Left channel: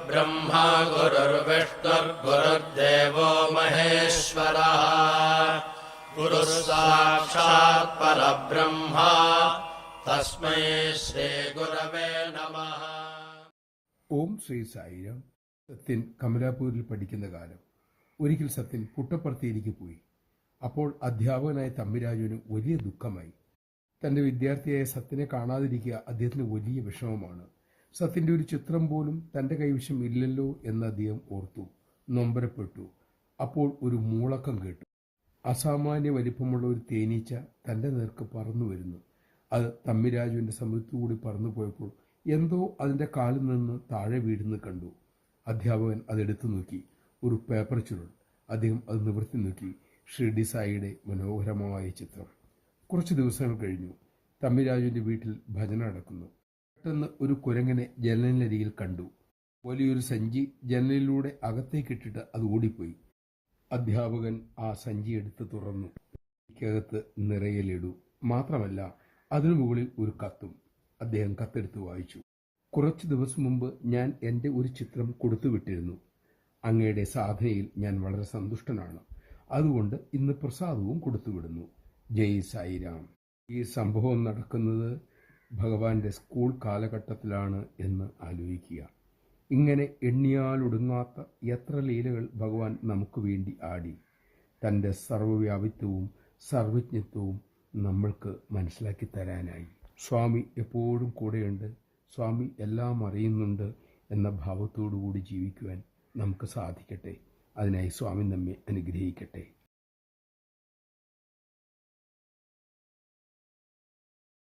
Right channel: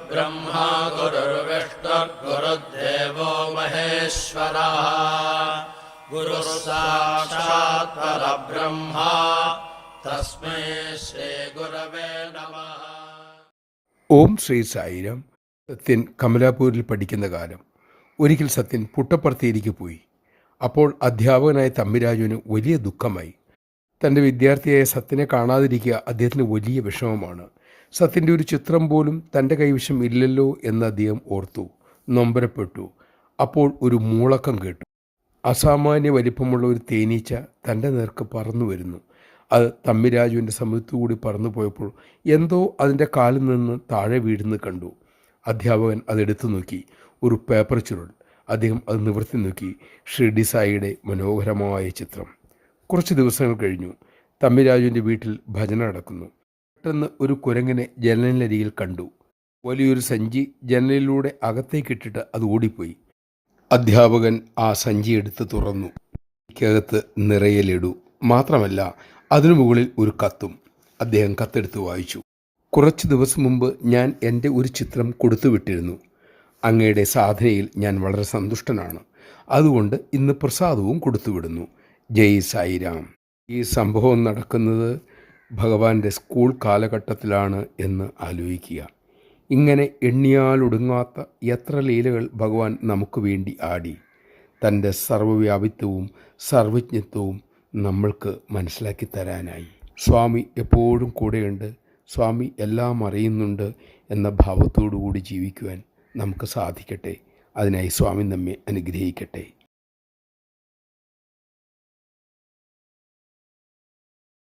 गुरुर्ब्रह्मा गुरुर्विष्णुर्गुरुर्देवो महेश्वरः गुरुः साक्षात् परब्रह्मा तस्मै ശ്രീഗുരവേ നമഃ. ഓം ശ്രീ സായിരാം. സത്യൻ കമലാപൂരിൽ പഠിക്കുന്ന കാലം. ഒരിക്കൽ സത്യൻ പുട്ടപ്പർത്തിയിലേക്ക് പോയി. അപ്പോൾ അധ്യാപകനായ തമ്മിരാജുവിന് വലിയ ദുഃഖമായി. തൻ്റെ വിദ്യാർത്ഥിയായ സത്യനെ കാണാതിരിക്കുക അദ്ദേഹത്തിന് വലിയ വിഷമമാണ്. സത്യൻ്റെ ഒരു ചിത്രം പോലും തൻ്റെ കൈവശം ഇല്ലല്ലോ എന്ന് അദ്ദേഹം ഓർത്തു, നൊമ്പരപ്പെട്ടു. അപ്പോൾ ഒരു മൂളക്കം കേട്ടു. അസാമാന്യ വലിപ്പമുള്ള ഒരു തേനീച്ച തൻ്റെ നേർക്ക് പറന്നു വരുന്നു. അത് തമ്മിരാജുവിൻ്റെ സമയത്തുകൂടി പറന്നു പോയപ്പോൾ എന്തോ അതിൻ്റെ കാലിൽ നിന്ന് താഴെ വീഴുന്നത് കണ്ടു. അധ്യാപകൻ അതെടുത്തു നോക്കി. ഒരു പേപ്പർ ചുരുൾ. അദ്ദേഹം അത് നിവർത്തി നോക്കി. ഷിർഡി സായിയുടെ മനോഹരമായ ചിത്രം. കുറച്ച് ദിവസങ്ങൾ കഴിഞ്ഞു. തമ്മിരാജുവിൻ്റെ വീട്ടിൽ ഭജന നടക്കുന്നു. പെട്ടെന്ന് ഒരു കുരങ്ങനെ ജനലിനരികിൽ കണ്ടു. വലിയൊരു സഞ്ചി ജനലിലൂടെ അകത്തേക്കിട്ടിട്ട് അത് ഓടിപ്പോയി. അധ്യാപകൻ ആ സഞ്ചി എടുത്ത് തുറന്നു. അതിനകത്ത് നിറയെ ലഡു. മാത്രമല്ല അതിനു മുകളിൽ ഒരു കത്തും. അദ്ദേഹം കത്തെടുത്ത് വായിച്ചു. കുറച്ച് ദിവസം മുമ്പ് ഞാൻ എൻ്റെ ഒരു ചിത്രം കൊടുത്തുവിട്ടിരുന്നു. അങ്ങയുടെ സാധനയിൽ ഞാൻ വളരെ സന്തുഷ്ടനാണ്. അതുകൊണ്ട് ഇന്ന് പ്രസാദവും കൊടുത്തുവിടുന്നു. ജയ് സായിരാം. ഈ സംഭവം നടക്കുന്നത് ഭഗവാന്റെ സ്കൂൾ കാലഘട്ടത്തിലാണ് എന്ന് ആലോചിക്കുക. ഇങ്ങനെ എണ്ണിയാലൊടുങ്ങാത്ത എത്ര ലീലകൾ ഭഗവാൻ നമുക്ക് വേണ്ടി ആടി. തൻ്റെ സർവ്വവ്യാപിത്വവും സർവജ്ഞത്വവും നമ്മൾക്ക് മനസ്സിലാക്കി തരാനായി. സ്വാമി എപ്പോഴും കൂടെയുണ്ട്, സ്വാമി എല്ലാം അറിയുന്നുണ്ട് എന്ന ഭാവത്തോടു കൂടി ജീവിക്കുവാൻ നമുക്ക് സാധിക്കട്ടെ. അതിനായി സ്വാമി നമ്മെ അനുഗ്രഹിക്കട്ടെ.